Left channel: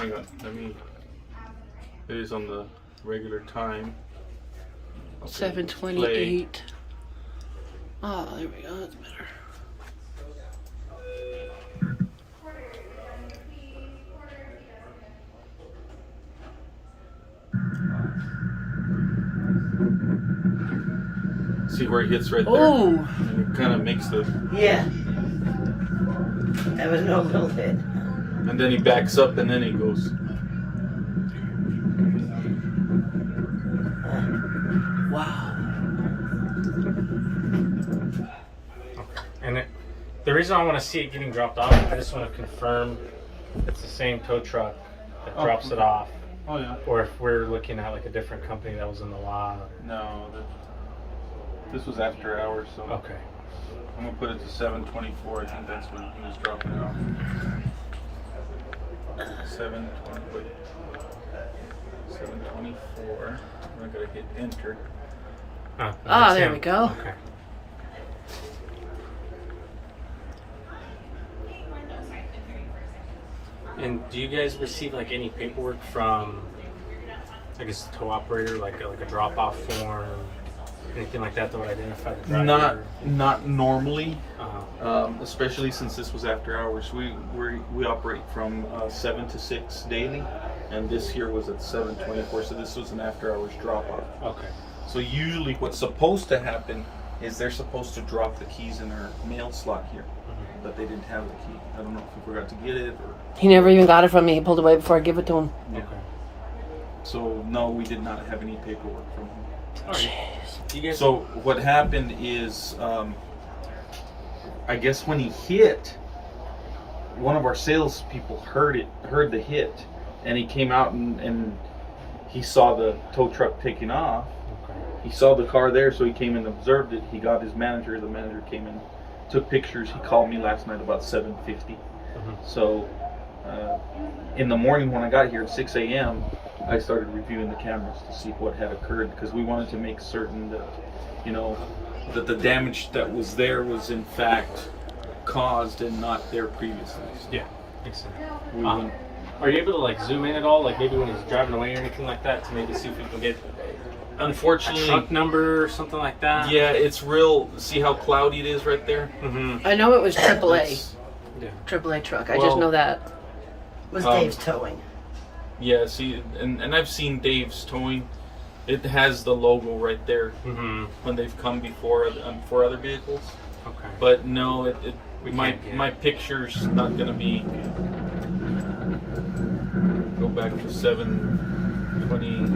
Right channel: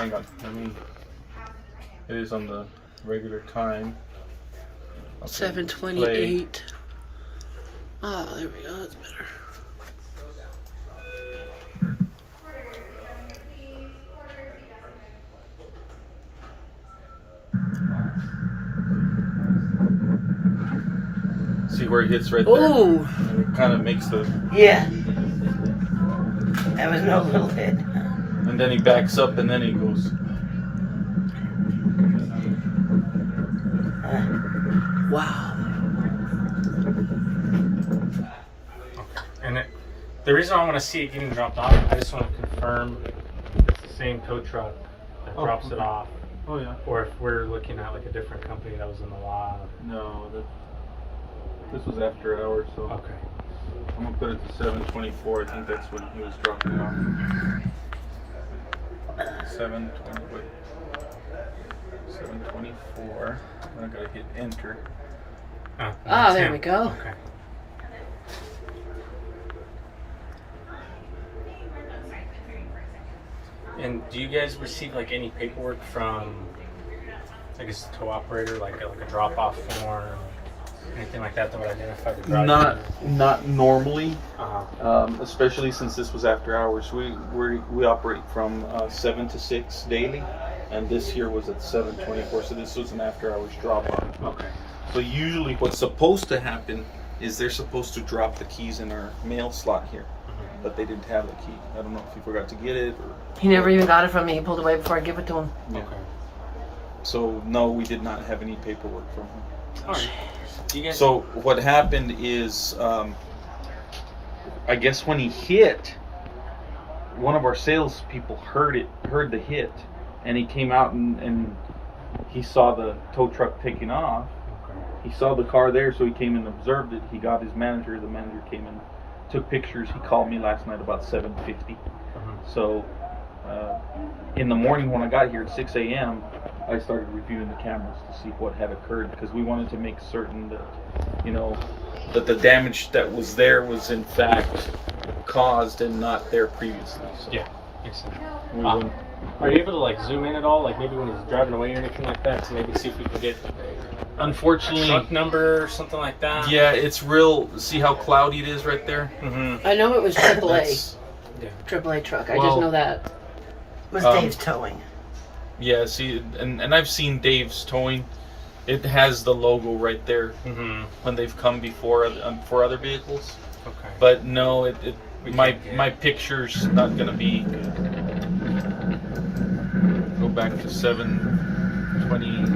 Hang on, it is on the regular time. Okay, 7:28. Oh, there we go. That's better. See where it hits right there? Ooh. It kind of makes the... Yeah. That was no little hit. And then he backs up and then he goes... Wow. And the reason I want to see it getting dropped off, I just want to confirm it's the same tow truck that drops it off. Oh yeah. Or if we're looking at like a different company that was in the lot. No, this was after hours, so... Okay. I'm gonna put it to 7:24. I think that's when he was dropping it off. 7:24. I gotta hit enter. Oh, Ah, there him. we go. Okay. And do you guys receive like any paperwork from, I guess, the tow operator, like a drop-off form, anything like that would identify the driver? Not normally, Uh-huh. especially since this was after hours. We operate from 7 to 6 daily, and this here was at 7:24. So this was an after hours drop off. Okay. So usually, what's supposed to happen is they're supposed to drop the keys in our mail slot here, but they didn't have the key. I don't know if he forgot to get it or. He never even got it from me. He pulled away before I give it to him. Yeah. Okay. So no, we did not have any paperwork from him. All right. You guys. So what happened is, I guess when he hit, one of our salespeople heard the hit, and he came out and he saw the tow truck taking off. Okay. He saw the car there, so he came and observed it. He got his manager. The manager came and took pictures. He called me last night about 7:50. So in the morning when I got here at 6 a.m., I started reviewing the cameras to see what had occurred, because we wanted to make certain that, that the damage that was there was in fact caused and not there previously. So Yeah. Makes sense. we wouldn't- Are you able to like zoom in at all, like maybe when he's driving away or anything like that, to maybe see if we can get a unfortunately, truck number or something like that? yeah, it's real. See how cloudy it is right there? Mm-hmm. I know it was AAA. It's- AAA truck. I just Well- know that. Was Um, Dave's towing. Yeah, see, and I've seen Dave's towing. It has the logo right there Mm-hmm. when they've come before for other vehicles. Okay. But no, We my can't get my picture's not gonna be. Go back to 7:20.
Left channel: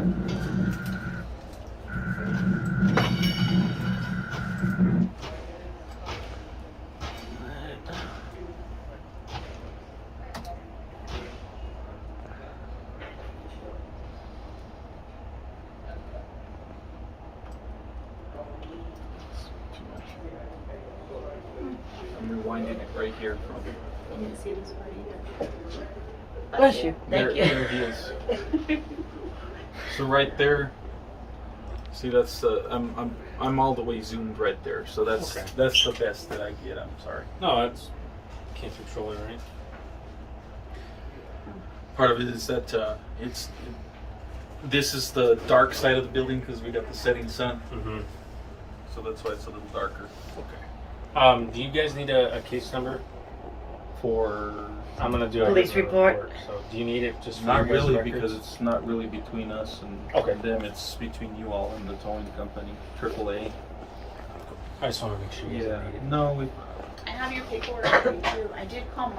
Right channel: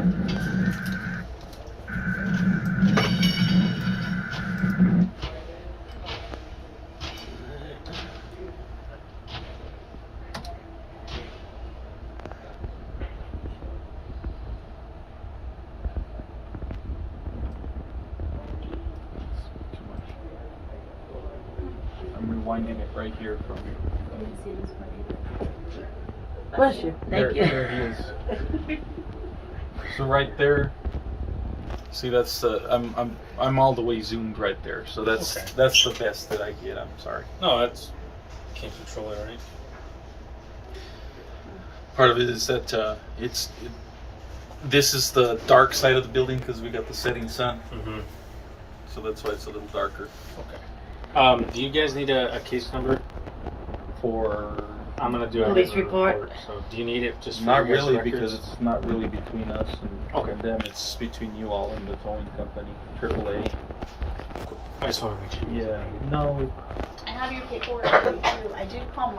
Too much. I'm rewinding it right here from. Bless you. Thank you. There he is. So right there. See, that's I'm all the way zoomed right there. So that's Okay. that's the best that I get. I'm sorry. No, that's can't control it, right? Part of it is that this is the dark side of the building because we got the setting sun. Mm-hmm. So that's why it's a little darker. Okay. Do you guys need a case number for? I'm gonna do a Police case number report. So do you need it just for Not your guys' really, records? because it's not really between us and Okay. them. It's between you all and the towing company, AAA. I just want to make sure. you Yeah. need it. No. I have your paperwork too. I did call Mark.